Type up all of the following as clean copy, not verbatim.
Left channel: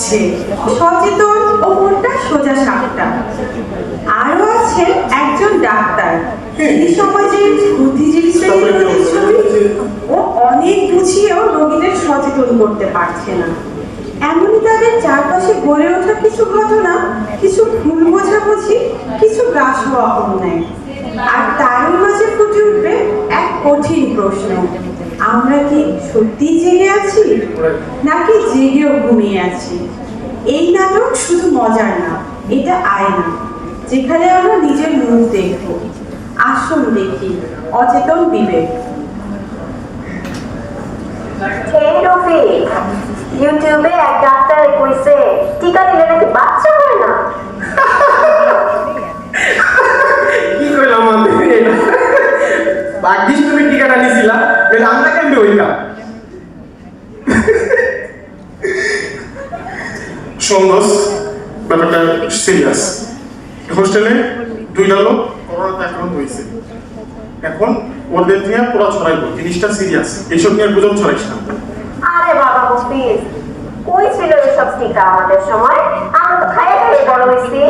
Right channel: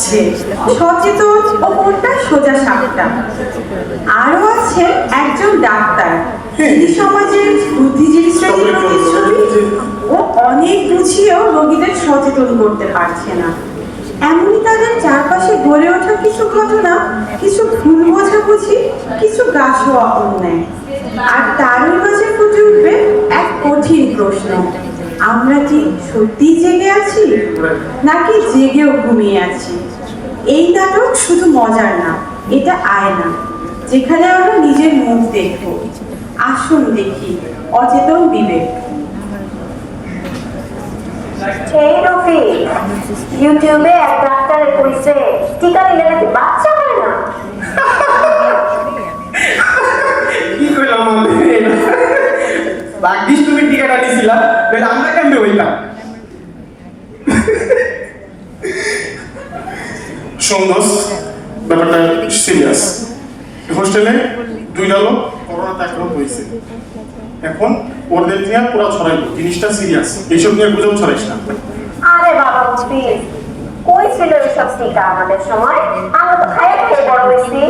আছে সচেতন ও মনটা সোজা সাপটা। আরো আছে একজন ডাক্তার, যিনি সমাজের বুদ্ধিজীবী শ্রেণীর প্রতিচ্ছবি ও অনেক বুঝিয়েও রোগীদের সচেতন করতে পারছে না। এমনই তাদের চারপাশে গড়ে ওঠা কিছু ঘটনা, কিছু ভুল বোঝাবুঝি, কিছু গাছও অন্যায়। আর তারই মাঝে ফুটে উঠবে এক কঠিন প্রশ্ন, আমরা কি সত্যিই জেগে আছি নাকি জেগেও ঘুমিয়ে আছি? এই নাটক শুধু মজার না, এটা আয়না, যেখানে আমরা নিজের মুখ দেখব। আসুন দেখি অচেতন বিবেক। এই রফিক, ইউটিউবে এক ডাক্তারে কইছে টিকা দিলে নাকি বাচ্চা হয় না। কি কইলাম আমি? ভাগ্যিস তুমি টিকাটা নিছিলা, তাহলে আমরা কেমনে হইতাম? সন্দেশ ব্যাপারটা সিরিয়াস। হোস্টেলে 2 লোক করোনা আক্রান্ত হয়েছে। এখন ওদের নিয়ে পুরো ছড়াইলো, জিনিসটা সিরিয়াস। এইসব নিয়ে গুজব ছড়াইস না। আরে বাবা প্লিজ, কই ছিল এসব টিকা আমাদের সময়? আমরা তো খাইয়ে খাইয়ে বড় হয়েছি।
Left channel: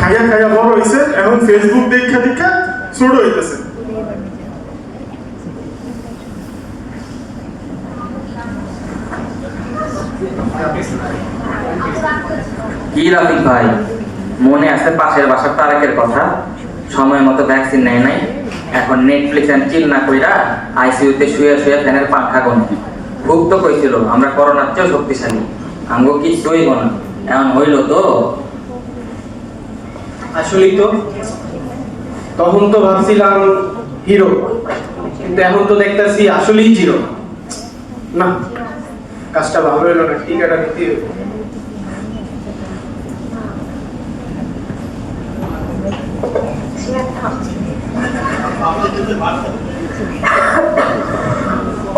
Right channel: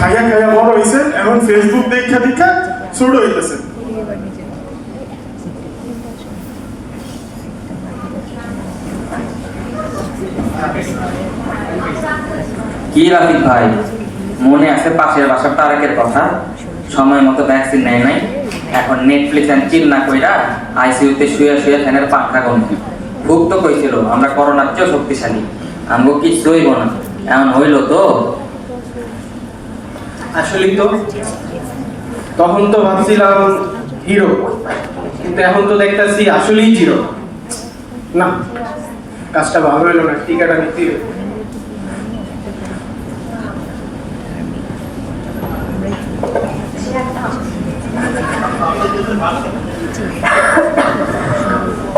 খাইয়া খাইয়া বড় হয়েছে, এখন ফেসবুক দেখা দেখা ছোট হইতেছে। কি রাফিক ভাই, মনে আছে পাশের বাসার তারেকের কথা? সময় মতো ভ্যাকসিন নেয় নাই, এখন নেটফ্লিক্স এন্ড চিল না কইরা আইসিইউতে শুয়ে শুয়ে ফ্যানের পাখা গন্ধে। খুব তো কইছিল আমরা করোনার চেয়েও শক্তিশালী, আমগো কিছু হইব না। এমন হইল তো? আসলেই তো, তখন তো ভাবছিলাম হিরো, কিন্তু এখন তো দেখতেছি আসলেই জিরো। না, কাজটা ভালো হইলো না, টিকাটা নিতেই হবে।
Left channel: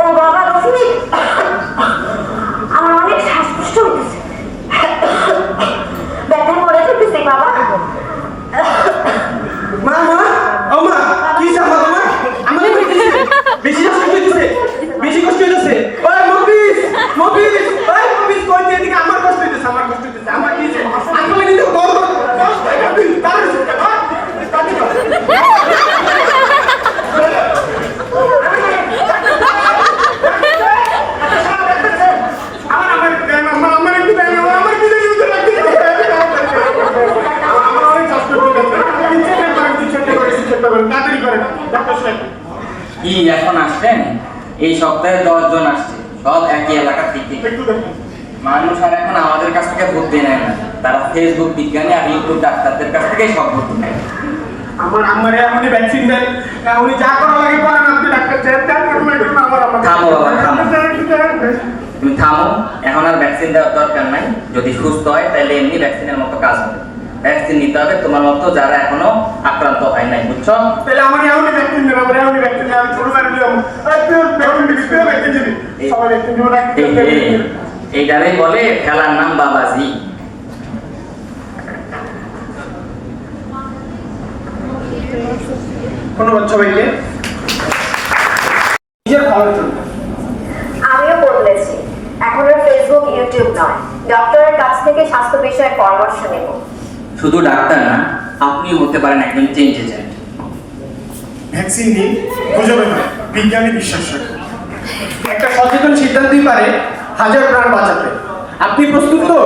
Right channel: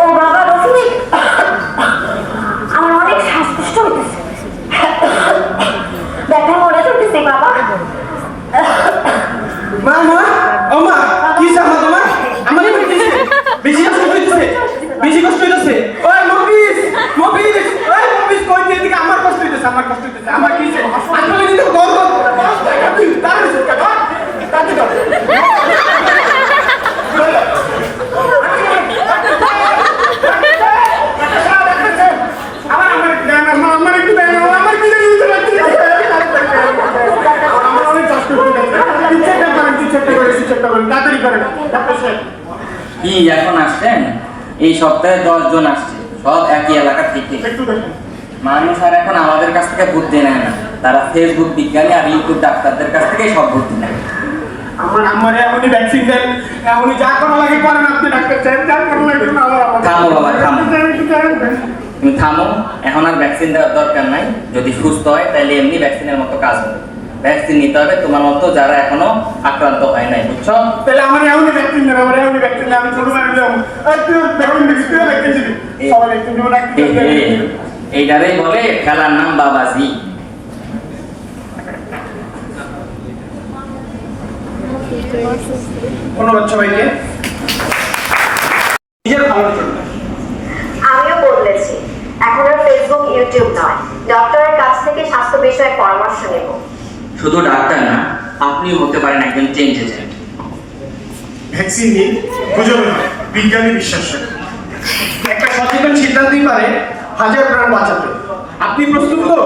ও বাবা রফিক, আমার অনেক শ্বাসকষ্ট হইতেছে, ব্যথায় মরে যেতেছি বাবা। মা মা, ও মা, কি সামা তোমার? আমারে কইতেছে বেশি কষ্ট হইতেছে, বেশি কষ্ট হইতেছে। ওই মফিজ, মফিজ, ওই মফিজ, কই তুই? এদিকে আমার কষ্ট হইতেছে, আমার কষ্ট হইতেছে। আমার কি হইছে? আসলে দিতে দর দর তুই তাড়াতাড়ি কি এখন আসছেন? এই সপ্তাহে 10 জন আসছে, সব একই এলাকা থেকে। মানুষ আর এখন আমাদের কাছ থেকে বুদ্ধি নেয় না, তারা ফেসবুক বিজ্ঞানী আর ইউটিউব ডাক্তারদের কাছ থেকেই সব বুদ্ধি নেয়। আমারে এমনি ভ্যাকসিন দেন, উনি যা করা লাগে করেন, আপনি ডাক্তার চাই, যা করা লাগে না। থামো বাবা, থামো, তুমি থামো। এখন আর ভ্যাকসিন দেওয়ার দরকার নাই। যদি সুস্থ হয় তাহলে এমনি ভ্যাকসিনের মতো কাজ হবে। ভ্যাকসিন নিতে হবে তোমার মতো যারা এখনো আক্রান্ত হয় নাই, বুঝছো? তাহলে আমার এমনি ভ্যাকসিন দেন, আমার এমনি ভ্যাকসিন দেন। আমি ছোট থাকলে একটু ভ্যাকসিন মিক্স করে ভ্যাকসিন দিবি। সবাই ভ্যাকসিন দেবো না। এইটারই বলে খেলার নাম বাবাজি। ধন্যবাদ সবাইকে। নিজের ভালোর জন্য আমিও বদলেছি, এখন আর ফেসবুক ইউটিউব নয়, ডক্টরের কাছ থেকে স্বাস্থ্য বিষয়ে পরামর্শ নেব। শুধু ডাক্তার না, আপনিও হতে পারেন একজন চেঞ্জ এজেন্ট। ভ্যাকসিন নিন, গুজবে নয়, বিজ্ঞানী বিশ্বাস রাখুন। একটা সচেতন সিদ্ধান্তই পারে হাজার প্রাণ বাঁচাতে। আপনি প্রস্তুত তো?